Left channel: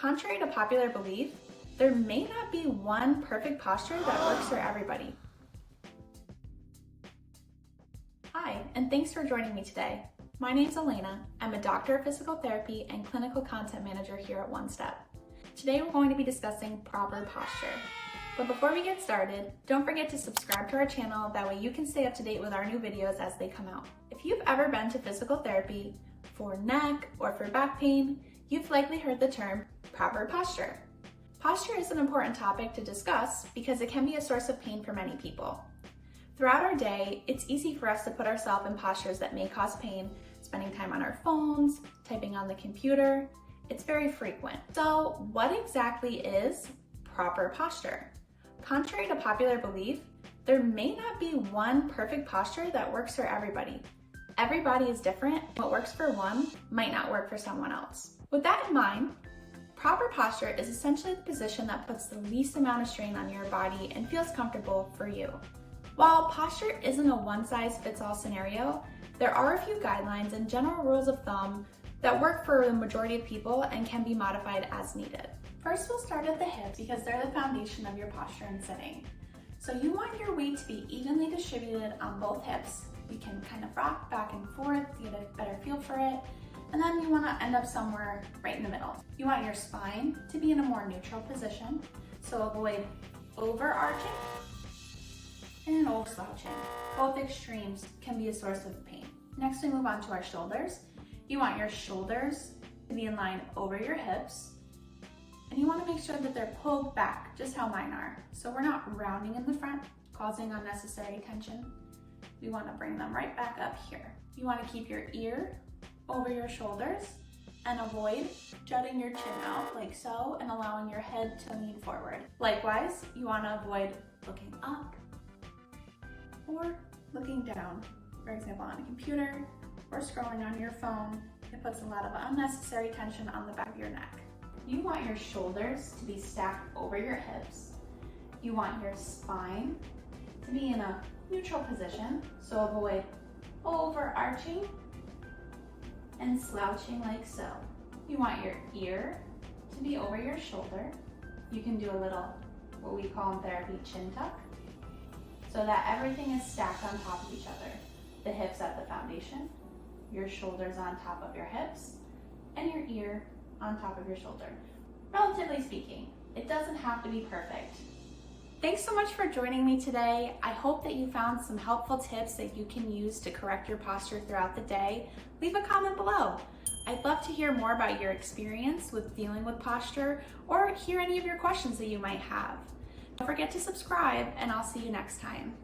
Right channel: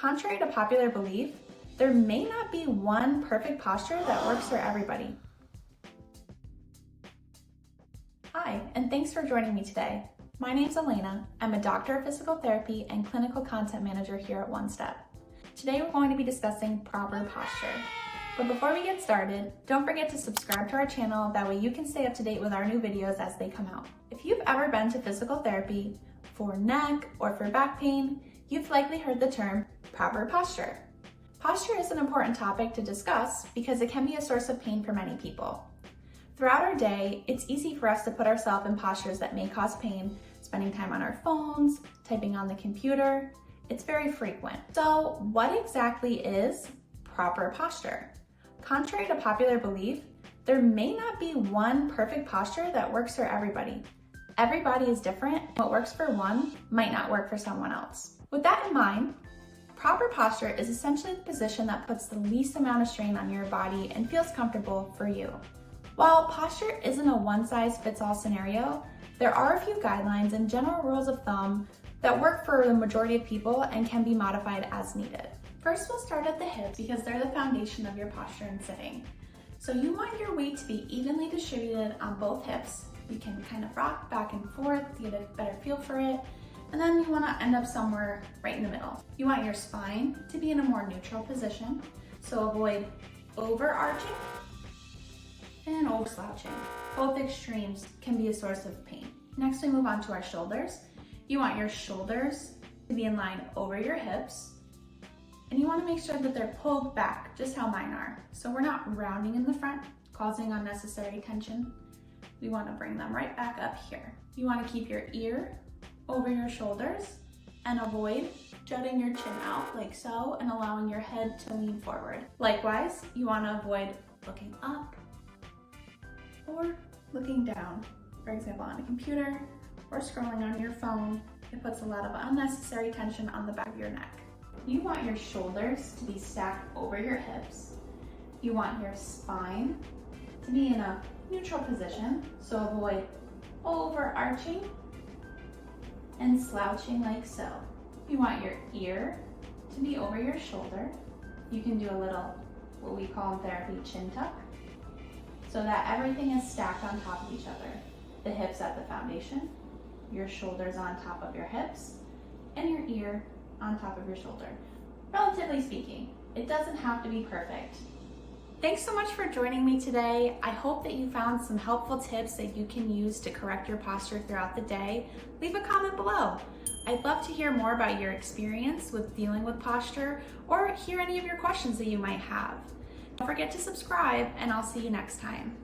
Contrary to popular belief, there may not be one perfect posture that works for everybody. Hi, and thanks for joining me today. My name's Alaina. I'm a doctor of physical therapy and clinical content manager here at OneStep. Today we're going to be discussing proper posture. But before we get started, don't forget to subscribe to our channel, that way you can stay up to date with our new videos as they come out. If you've ever been to physical therapy for neck or for back pain, you've likely heard the term proper posture. Posture is an important topic to discuss because it can be a source of pain for many people. Throughout our day, it's easy for us to put ourselves in postures that may cause pain, spending time on our phones, typing on the computer. It's very frequent. So what exactly is proper posture? Contrary to popular belief, there may not be one perfect posture that works for everybody. Everybody is different. What works for one might not work for someone else. With that in mind, proper posture is essentially the position that puts the least amount of strain on your body and feels comfortable for you. While posture isn't a one-size-fits-all scenario, there are a few guidelines and general rules of thumb that work for the majority of people and can be modified as needed. First, we'll start at the hips because they're the foundation of your posture in sitting. So you want your weight to be evenly distributed on both hips. You can kind of rock back and forth to get a better feel for it. And then you want to end up somewhere right in the middle. You want your spine to be in a more neutral position. So avoid overarching and over slouching. Both extremes can be a source of pain. Next, we move on to our shoulders. You want your shoulders to be in line over your hips, and you want to make sure that they're pulled back, just how mine are. So we're not rounding in the front, causing unnecessary tension. We want to bring them right back up here. You want to keep your ear over your shoulders and avoid jutting your chin out like so and allowing your head to lean forward. Likewise, you want to avoid looking up or looking down. For example, on a computer or scrolling on your phone, it puts a lot of unnecessary tension on the back of your neck. You want your shoulders to be stacked over your hips. You want your spine to be in a neutral position, so avoid overarching and slouching like so. You want your ear to be over your shoulder. You can do a little, what we call in therapy, chin tuck, so that everything is stacked on top of each other. The hips at the foundation, your shoulders on top of your hips, and your ear on top of your shoulder. Relatively speaking, it doesn't have to be perfect. Thanks so much for joining me today. I hope that you found some helpful tips that you can use to correct your posture throughout the day. Leave a comment below. I'd love to hear more about your experience with dealing with posture or hear any of your questions that you might have. Don't forget to subscribe, and I'll see you next time.